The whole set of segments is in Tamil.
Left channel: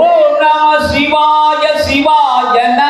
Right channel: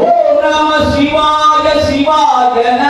ஓம் நம சிவாய சிவாய நமக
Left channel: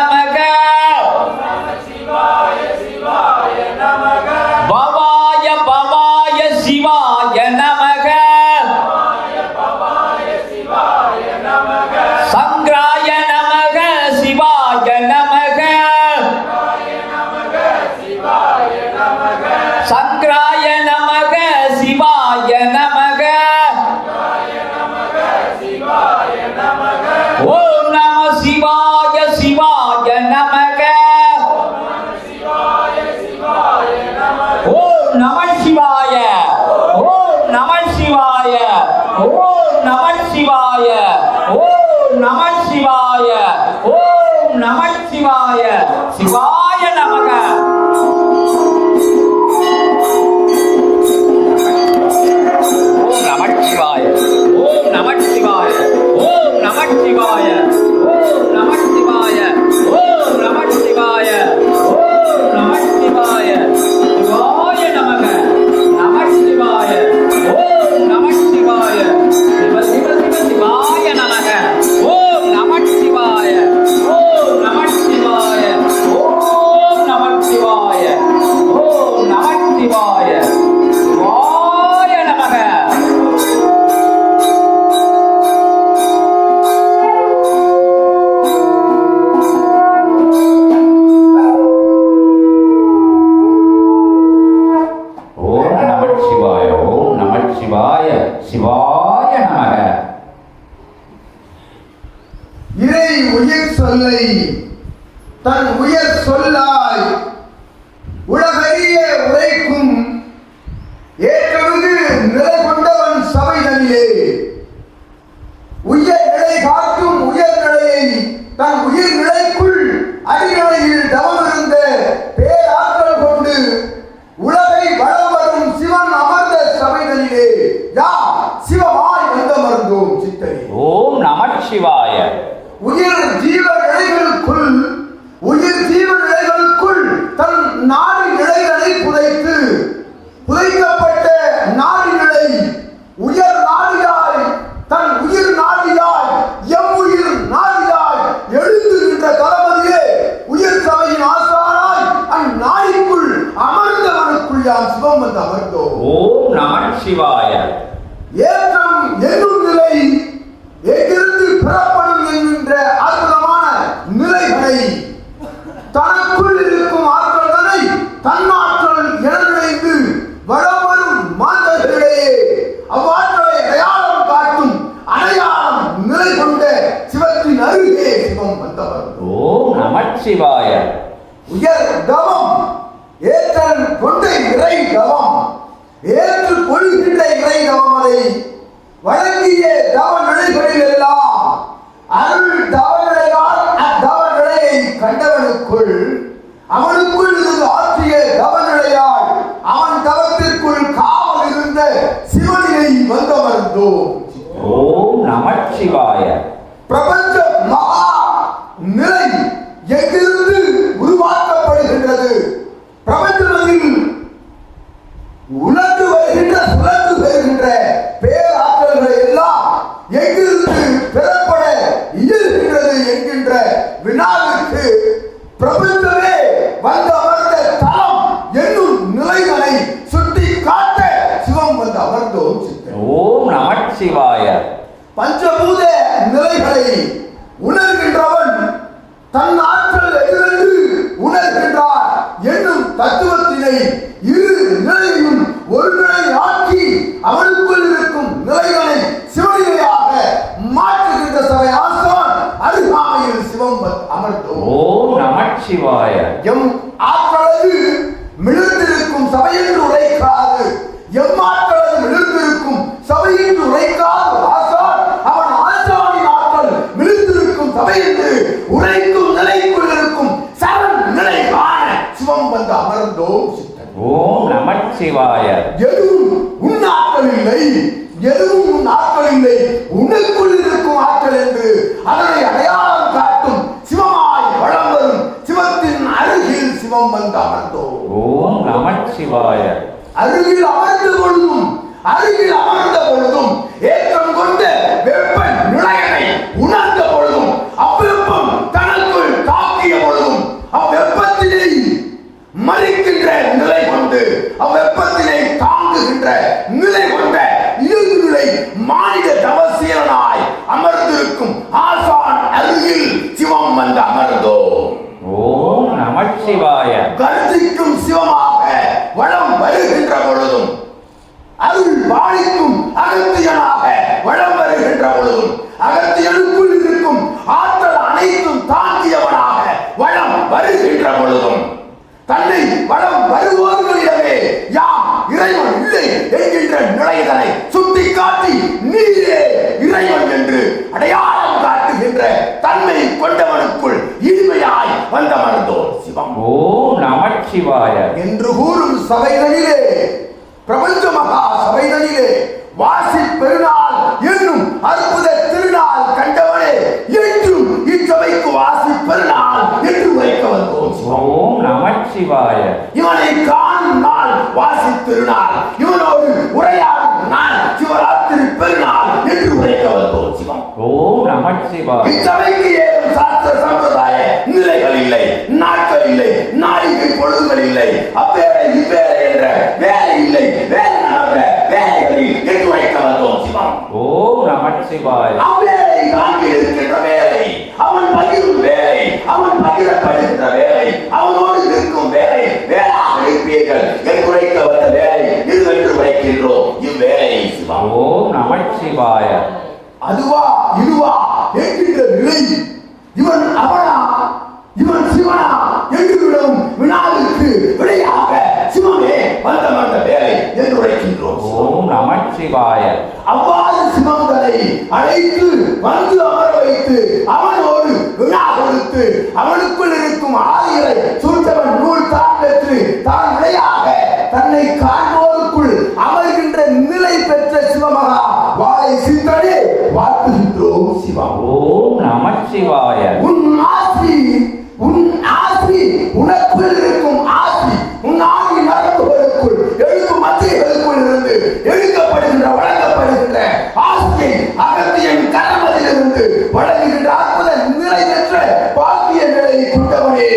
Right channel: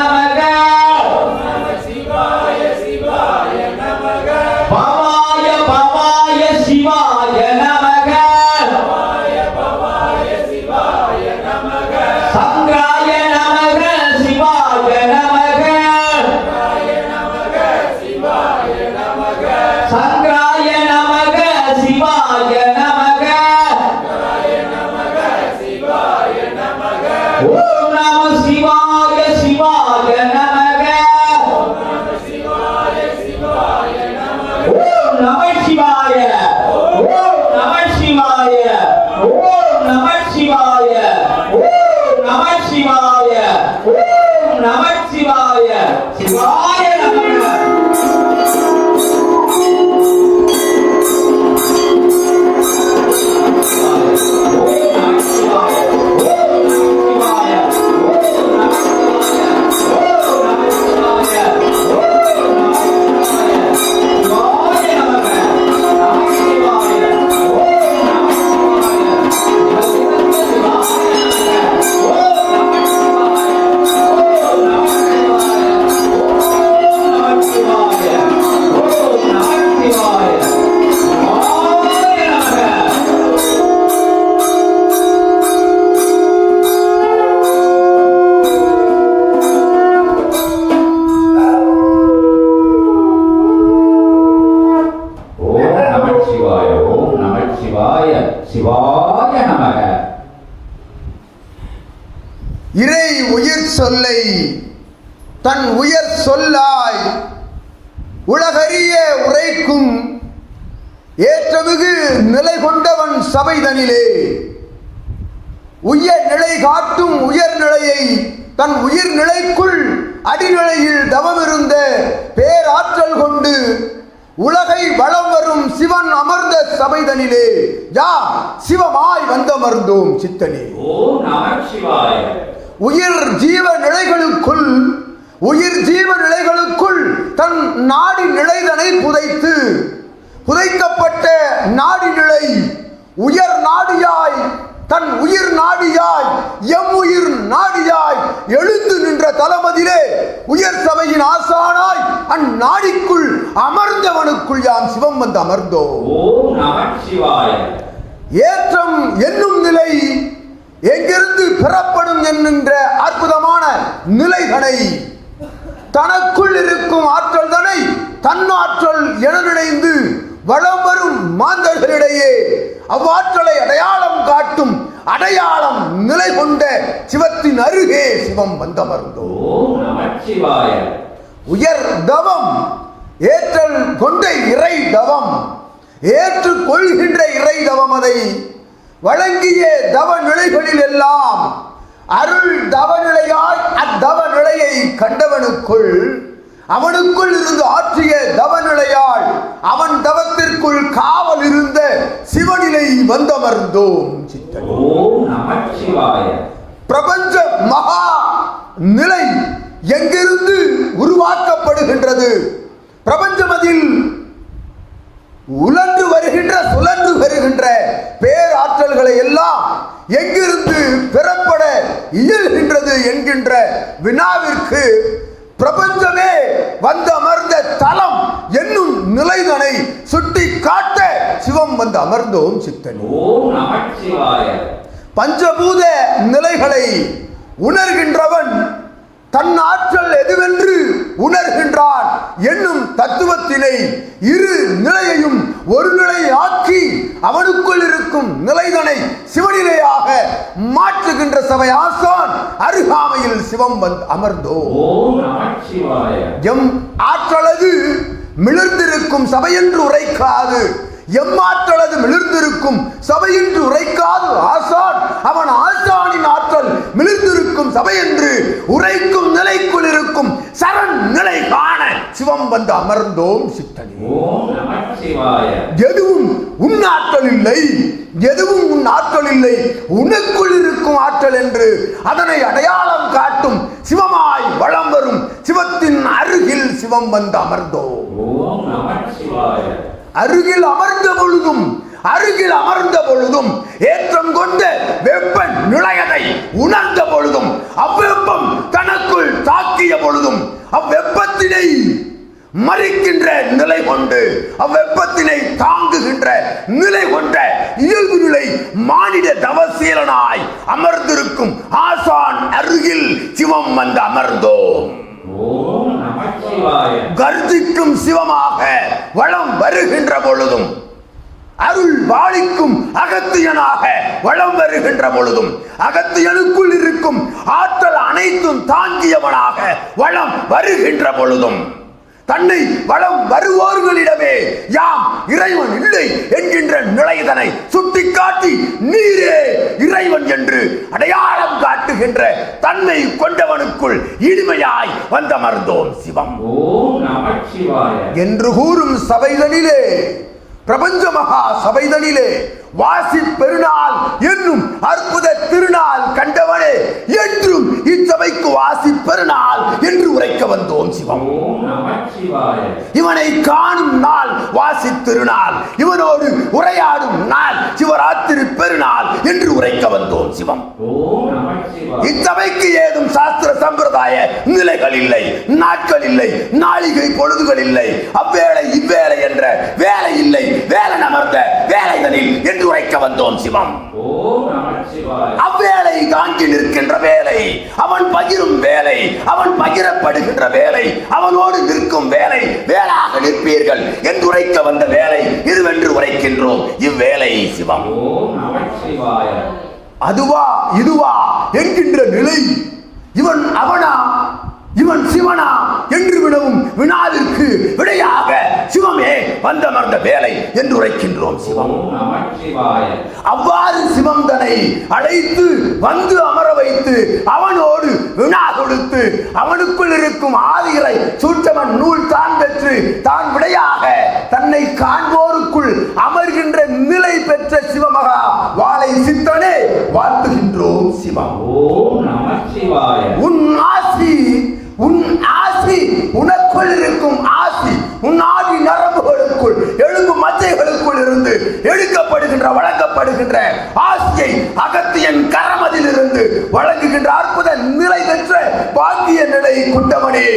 தன் உயர் சொல்லாய் உலகறிய உரைக்கும் ஏற்றமிகு நிலை கொண்டவன் சபைதனிலே உயர் நிலை காட்டும் உயர் நிலையை தன் உயிர் நிலைக்குள் அடிநிலையில் தவமிருந்த பேராற்றல் கொண்டு உலகை வளம் வரும் சிவன் அமர்ந்த சபைதனிலே யா சிவமாய் வந்தமர்ந்தோம் சித்தனே. ஓம் நம சிவாய. உயிர் ஜீவ நிலைகளுக்குள் உயிர் ஜீவ நிலைகளுக்குள் தன் நாடி நிலைகளை புதைத்து புதைக்கப்பட்ட நாடி நிலை உயர் நாடியாய் தன் உயிர் நாடியாய் எம் உயிர் நாடியாய் எழுந்து நின்ற தளபதியிலே உயர் சபையின் ஆசானாய் அந்நாடிக்குள் அமர்ந்தவனுக்குள் யாம் சிவம் வந்து அமர்ந்தோம். ஓம் நம சிவாய. ஏற்றம் என்னும் நிலை எங்கிருந்து பெறப்படும் என்கின்ற அற்புதமான நிலைகளை தனக்குள் இருக்கும் ஆற்றல்களை தன்னாற்றல் என நினைந்து வளம் வரும் மாந்தர்களிடையே அவ்வாற்றலை அடையாளம் காட்டும் அடையாளம் நிலை கொண்ட சிவத்தின் அருகே சிவம் வந்தமர்ந்தோம் ஓம் நம சிவாய உயர் தவம் ஏற்றல் கொண்ட இறை தவம் ஏற்று கொள்கின்ற இறை தவம் அதை வழங்கிய தவ நிலைகளில் எல்லாம் அருள் தவ நிலையால் அத்தவ நிலையை கண்டவனுக்குள் அவனுக்குள் இருந்து ஆற்றிய தவ அவன் தவத்திற்குள் காவல் இருந்த சிவனிலை வந்தமர்ந்தோம் பிரபஞ்ச மகா நிலை எங்கிருந்து உருவாக்கப்படுகின்றது பிரபஞ்சம் அதில் உலர்ந்து வருகின்ற சுழன்று வருகின்ற பேராற்றல்களை எல்லாம் எங்கிருந்து பெறப்பட இயல்கின்றது என்கின்ற வினாவிற்கு பிரபஞ்சமே வந்து அமர்ந்த தலம் என்னும் நிலைகளை சுட்டி காட்ட சிவம் வந்து அமர்ந்தோம் சித்தன் ஓம் நம சிவாய பஞ்சபூத நிலைகளை உணர்கின்றவன் தன் ஆற்றல் எதுவென்று உணர்கின்றான் என்னும் தத்துவத்தினை இரு நிலையையும் ஒரு நிலை ஆக்கி அவனுக்குள் இருக்கும் நிலைகளை சிவநிலையாக மாற்றுகின்ற சபை ஆசான் அருகாமையில் சிவம் வந்து அமர்ந்தோம் ஓம் நம சிவாய எம் ஆற்றலது மிளிர்ந்திருக்கும் சபையென்று உரைக்காது எம் ஆற்றலது மிளிர்ந்திருக்கும் சபையென்று உரைக்காது ஆசான் அவன் ஆசானின் ஆற்றல் மிளிர்ந்திருக்கும் சபையென்று உரைக்கும் நிலைக்குள் இருக்கும் சரண் நிலை காண சிவம் வந்து அமர்ந்தோம் சித்தன். ஓம் நம சிவாய. எதுவும் உன் ஆற்றல் இல்லை எதுவும் உன் ஆற்றல் இல்லை உனக்குள் இருக்கும் ஆற்றல் என்று அதனை அடையாளம் காட்டும் சிவமாய் வளம் வரும் சிவத்தின் அருகில் சிவம் வந்து அமர்ந்தோம் ஓம் நம சிவாய அருகில் அமர்ந்த பொழுதும் அருகில் அமர்ந்த பொழுதும் ஏற்றம் கொண்ட வெப்ப நிலையனை உணர்ந்த பொழுதும் அவ்வெப்பம் தனக்குள் தாக்கிய பொழுதும் அவ்வெப்பத்தினை மறிக்கின்ற நிலை கொண்டு அவ்வெப்பத்தினை தாங்குகின்ற நிலை கொண்ட இயல்பு நிலை மானிட தவசீலனாய் அமர்ந்திருக்கும் ஆசான் அருகில் சிவம் வந்து அமர்ந்தோம் ஓம் நமச்சிவாய கர்ஜிக்கும் சிவமாக வளம் வருகின்ற பொழுதும் பாலிக்கும் அகத்தியனாக வளம் வருகின்ற பொழுதும் அகத்தியனுக்குள் இருக்கும் ஆற்றல் அனைத்தும் தாங்கியவனாக வளம் வருகின்ற பொழுதும் தன்னை வளம் வருவோர்களிடமே யாம் இறைவன் இல்லை என்கின்ற நிலைதனை சுட்டிக்காட்டி நீரே இறைவன் என்று அடையாளம் காட்டுகின்ற தன்மை கொண்டவனுக்குள் இனிமையாய் வந்தமர்ந்தோம் சிவம். ஓம் நமச்சிவாய. என்று கூறும் சபைதனிலே பிரபஞ்ச மகா சபைதனிலே வாசி பெருநாள் என்னும் அற்புத திருநாள் கண்டவனே என்றும் இச்சபைக்கு வாசி பெருநாள் என்று உரைக்க வந்தோம் சிவம். நமச்சிவாய. இவனை காணும் நாள் வாசி திருநாள். இவனோடு உரையாடும் நாள் சிவராத்திரி பெருநாள் என்று உரைக்க வந்தோம் சிவம். ஓம் நமச்சிவாய. இச்சபைக்கு ஏதும் சாஸ்திர சம்பிரதாய நிலைகள் இல்லை நாட்கள் இல்லை நாளிகை பொழுதுகள் இல்லை. அவ்வேளை இவ்வேளை என்ற வேலை அமர்ந்த வேலைகளில் என்று வைக்க சிவம். ஓம் நமச்சிவாய. அவ்வேளை தாங்கி நிற்கின்ற வேலை. அவன் பகிரும் வேலை. அவன் பகிரப்படுகின்ற வேலை. அவனோடு நிற்கும் வேலை. வேளாக நிற்பீர்கள். என்று உரைக்க வந்த வேலை இதுவென்று உரைக்கின்றோம். இவ்வேளை சிவம். ஓம் நமச்சிவாய. அதுவா இதுவா என்கின்ற நிலை. இவன் அவனா? இவன் சிவனா? என்று விடவும் வினாவிற்கு விடையாக சிவமே வந்தமர்ந்த வேலை என்று உரைக்கின்றோம். சிவம் நமச்சிவாய. அவ்வாறு சிவந்தனை அழைத்து வந்து அமர வைத்து அவனோடு வினா கொடுத்து அவனுக்குள் இருக்கும் ஆதிகளை சுற்றவன் நூல் தான் பெற்று தான் விடையாக தன்னை காண்போருக்குள் அமர்கின்ற நிலை பெற்ற சிவமகா வாழை சித்தனே வாழ்த்துகின்றோம் சிவம். ஓம் நமச்சிவாய உன் ஆசி உன் ஆசி உனக்குள் இருக்கும் ஆசி உன் ஆதி நரம்புகளுக்குள் எழுதும் மச்சைகளுக்குள் இருந்து எடுக்கப்படுகின்ற வழங்கப்படுகின்ற அகத்தியன் கரமதிலிருந்து வழங்குகின்ற அற்புத நிலை பெற்ற பாக்கிய நிலையை கொண்டவனே.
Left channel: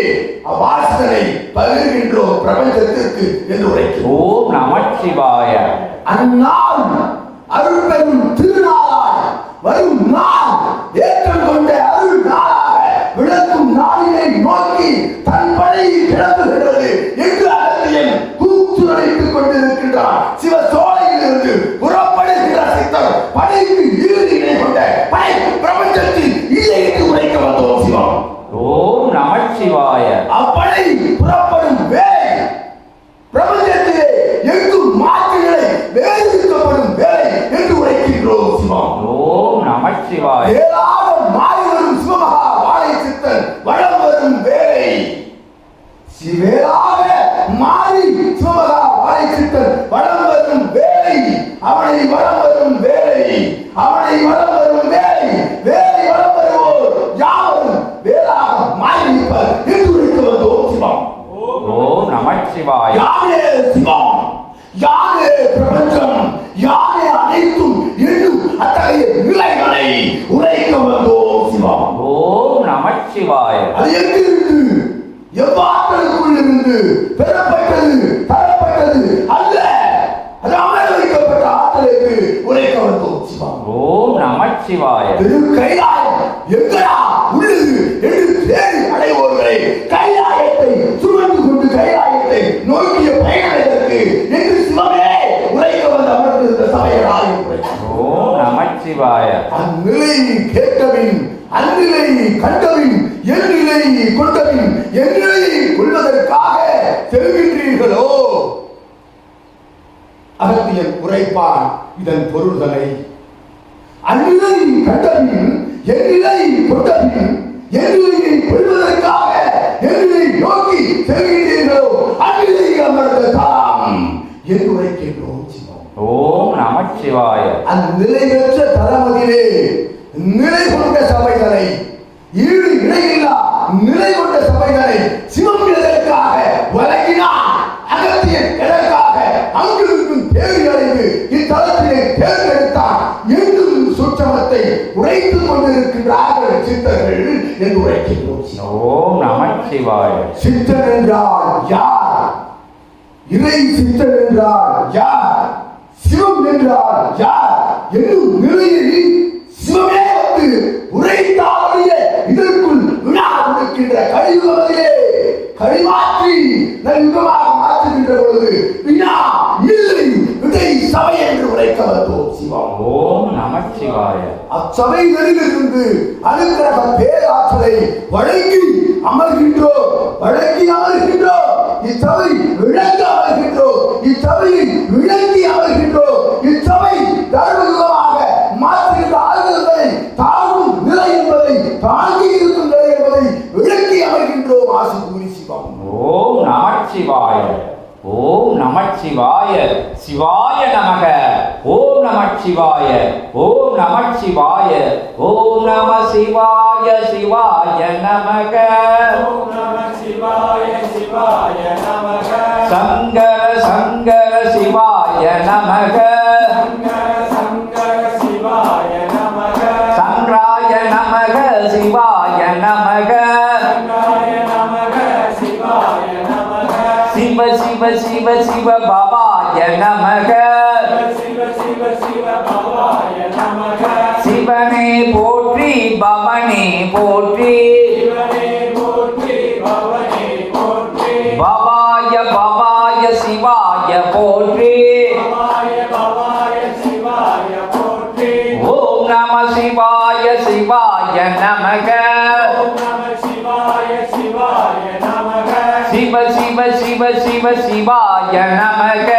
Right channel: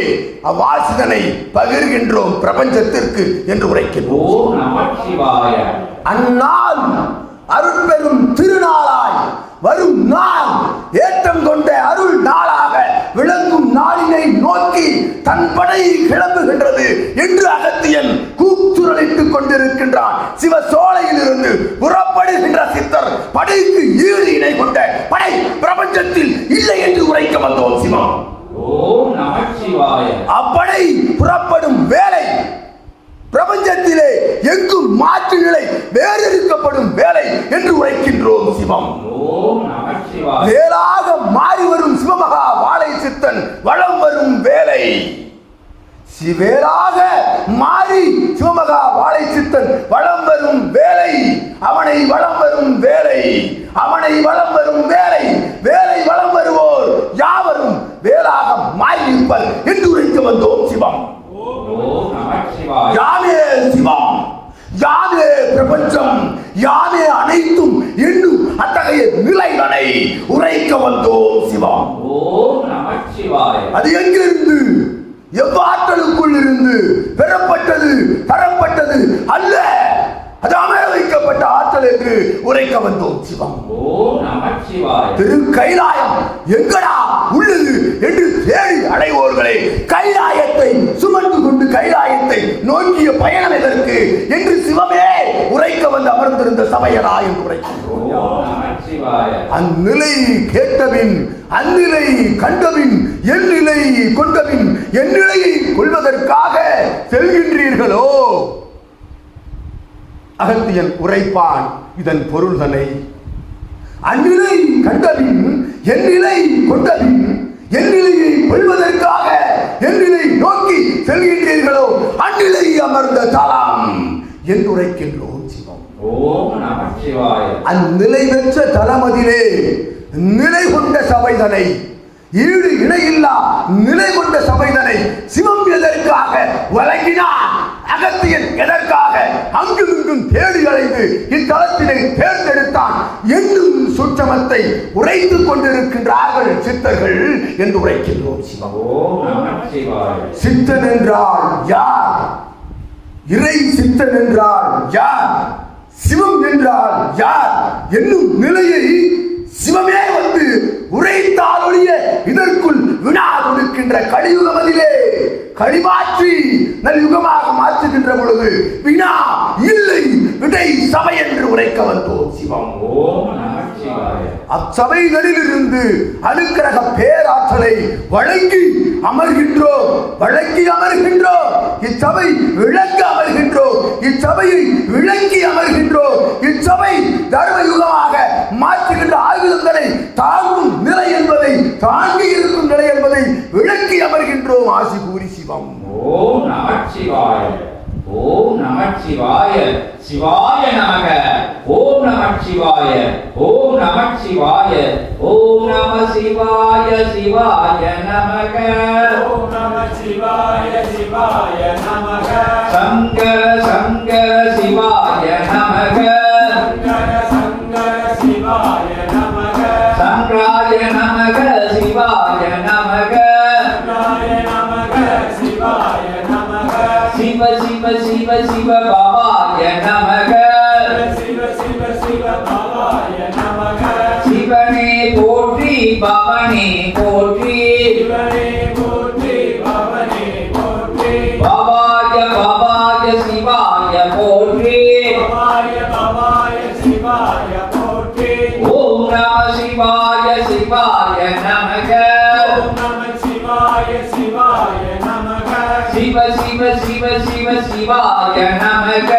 அவ்வாசிதனை பகிர்கின்றோம் பிரபஞ்சத்திற்கு என்று உரைக்கிறோம். நமச்சிவாய அந்நாள் அருள் பெறும் திருநாளாய் வரும் யானே சிவம் யானே பிரபஞ்சம். யானே அனைத்தும் என்னும் அத்தகைய நிலைகளை உரைக்க வந்தோம் சிவம் ஓம் நமச்சிவாய. அது எங்கிருந்து? எவ்வாற்றலுக்குள் இருந்து பெறப்பட்டது தரப்பட்டது அல்ல. அது அமர வைக்கப்பட்ட ஆற்றல் என்று உரைக்க வந்தோம் சிவம் ஓம் நமச்சிவாய. திரு கைலாயம் எங்கடா உள்ளது? என்று தேடி அடைவோர்களே கைலாயத்தை சுமந்து கொண்டு கைலாயத்தை நோக்கிய பயணம் எதற்கு என்று சிவமே உரைக்க வந்து அமர்ந்திருந்த நமச்சிவாய அந்நிலையை கேட்டபின் அந்நிலையை கண்டபின் என் நிலையை கொண்டபின் என் நிலையை கொள்வதற்காக செல்கின்றீர்களோ அகத்தியன் உரைப்பான் இதன் பொருள்தனை அந்நிலை கண்டபின் என் நிலை கொண்டபின் உரைக்கின்றோம். சிவம் ஓம் நமச்சிவாய. அந்நிலை பெற்ற தலமதிலே நிலை கொண்ட சபைதனை ஈடு இணையில்லா நிலை கொண்ட சபைதனை சிவம் எதற்காக வழங்கினார்? அகத்தியன் எதற்காக அங்கிருந்தும் தேடி அடைந்து இத்தலத்தினை தேர்ந்தெடுத்தான்? என்றும் சுற்றம் தர்மத்தை உரைத்துக் கொண்டிருக்கின்றார்கள் சித்தர்கள் என்று உரைக்கின்றோம். சிவம். சித்தன் என்றால் யார்? இறை சித்தன் என்றால் யார்? சிவம் என்றால் யார்? என்னும் நிலையை சிவமே வந்து உரைத்தாலுடைய இதற்குள் வினா கொடுக்கின்ற கலியுகமதிலே கழிமாற்றி நல்யுகமாக மாற்றுகின்ற பொழுது வினா இல்லை விடை சபை என்று உரைக்க வந்தோம். சிவம் ஓம் நம சிவாய அச்சபைகளில் இருந்து அனுக்கிரக பேராற்றலை வழங்கி அமர்கின்றோம் வழங்கி அமர்கின்றோம். இச்சபை விளங்க அமர்கின்றோம். இச்சபையை விளங்கி அமர்கின்றோம். இச்சபை தர்மயுகமாக மாற்றுகின்ற ஆயுதங்களை தாங்கும் நிலை என்பதை தாங்கி இருக்கும் நிலை என்பதை விளக்கி அமர்கின்றோம். ஆசி கூறி சிவம். ஓம் நம சிவாய ஓம் நம சிவாய சிவாய நமக. ஓம் நம சிவாய ஓம் நம சிவாய ஓம் நம சிவாய. சிவாய நமக. ஓம் நம சிவாய சிவாய நமக. சங்கர சங்கர சிவாய நமக. சங்கர சங்கர சிவாய நமக. சங்கராய நமக சிவாய நமக. சங்கராய நமக சிவாய நமக. சிவ சிவ சிவ சிவ பவாய நமக. சிவ சிவ சிவ சிவ சிவாய நமக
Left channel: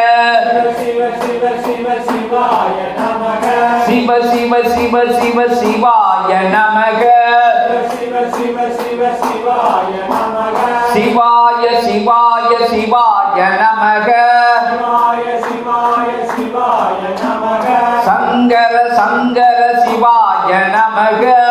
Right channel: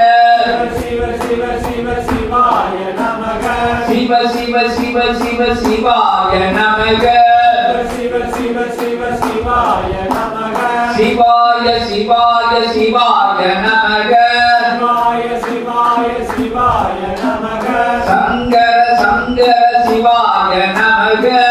சிவ சிவ சிவ சிவாய நமக சிவ சிவ சிவ சிவ சிவாய நமக சிவ சிவ சிவ சிவாய நமக சிவாய சிவாய சிவாய நமக சிவாய சிவாய சிவாய நமக சங்கர சங்கர சிவாய நமக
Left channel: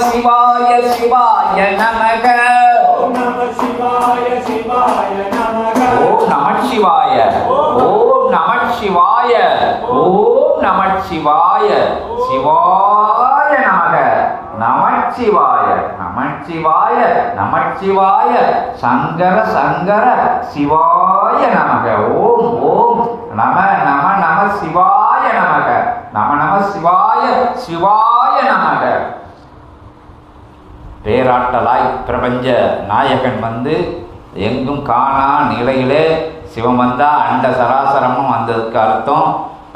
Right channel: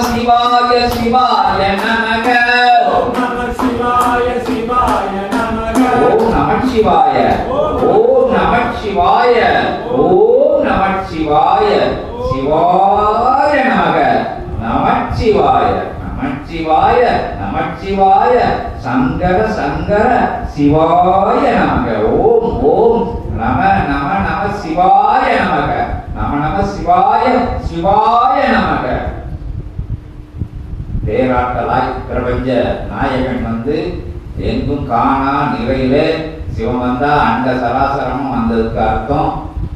சிவாய சிவாய நமக. ஓம் நம சிவாய சிவாய நமக ஓம் நம சிவாய ஓம் நம சிவாய ஓம் நம சிவாய சிவாய நமக. நம சிவாய நம சங்கர சங்கர. சிவாய நமக. ஓம் ஓம். நம நம நம சிவாய நமக. நம நம சிவாய சிவாய நமக. பேராட்டலாய் பிரபஞ்ச நாயகன் வந்து எங்கும் காணா நிலையிலே சிவம் வந்தால் அண்ட சராசரமும் வந்ததுக்கு அர்த்தம்.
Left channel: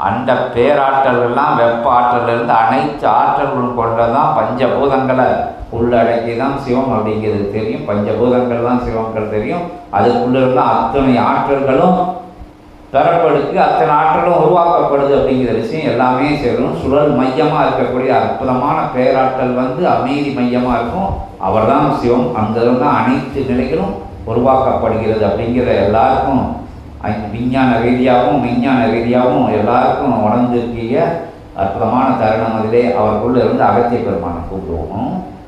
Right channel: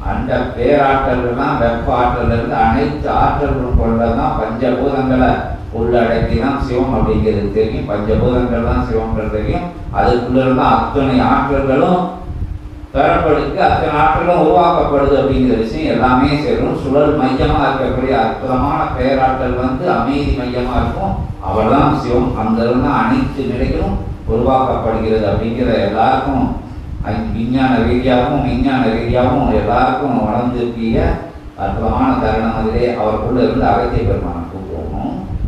அந்த பேராற்றல்லாம் வெப்ப ஆற்றல் அனைத்து ஆற்றல்களும் கொண்டதான் பஞ்சபூதங்களை உள்ளடக்கி தான் சிவம் அப்படிங்கிறது தெரியும். பஞ்சபூதங்கள் தான் சிவங்கள் தெரியும். அதுக்குள்ள அத்தனை ஆற்றல்களும் பெறப்படுக்கு அத்தனை ஆற்றலும் உருவாக்கப்படுது அப்படிங்கிற விஷயம் எல்லாமே சேரும். சுழல் மையமாக இருக்கக்கூடிய அற்புதமான பேராற்றல் வந்து அமைதி மையமாக இருக்கும். அவர் தான் சிவம். அங்கிருந்து அனைத்து நிலைகளும் உருவாக்கப்படுகிறது அப்படிங்கிற எல்லாருக்கும் விஞ்ஞான ரீதியாகவும் விஞ்ஞான ரீதியாகவும் எல்லாருக்கும் உணர்ந்திருக்கிய அற்புதமான தருணம் அதிலே அவருக்குள்ள இருந்து அகத்திய பெருமானம்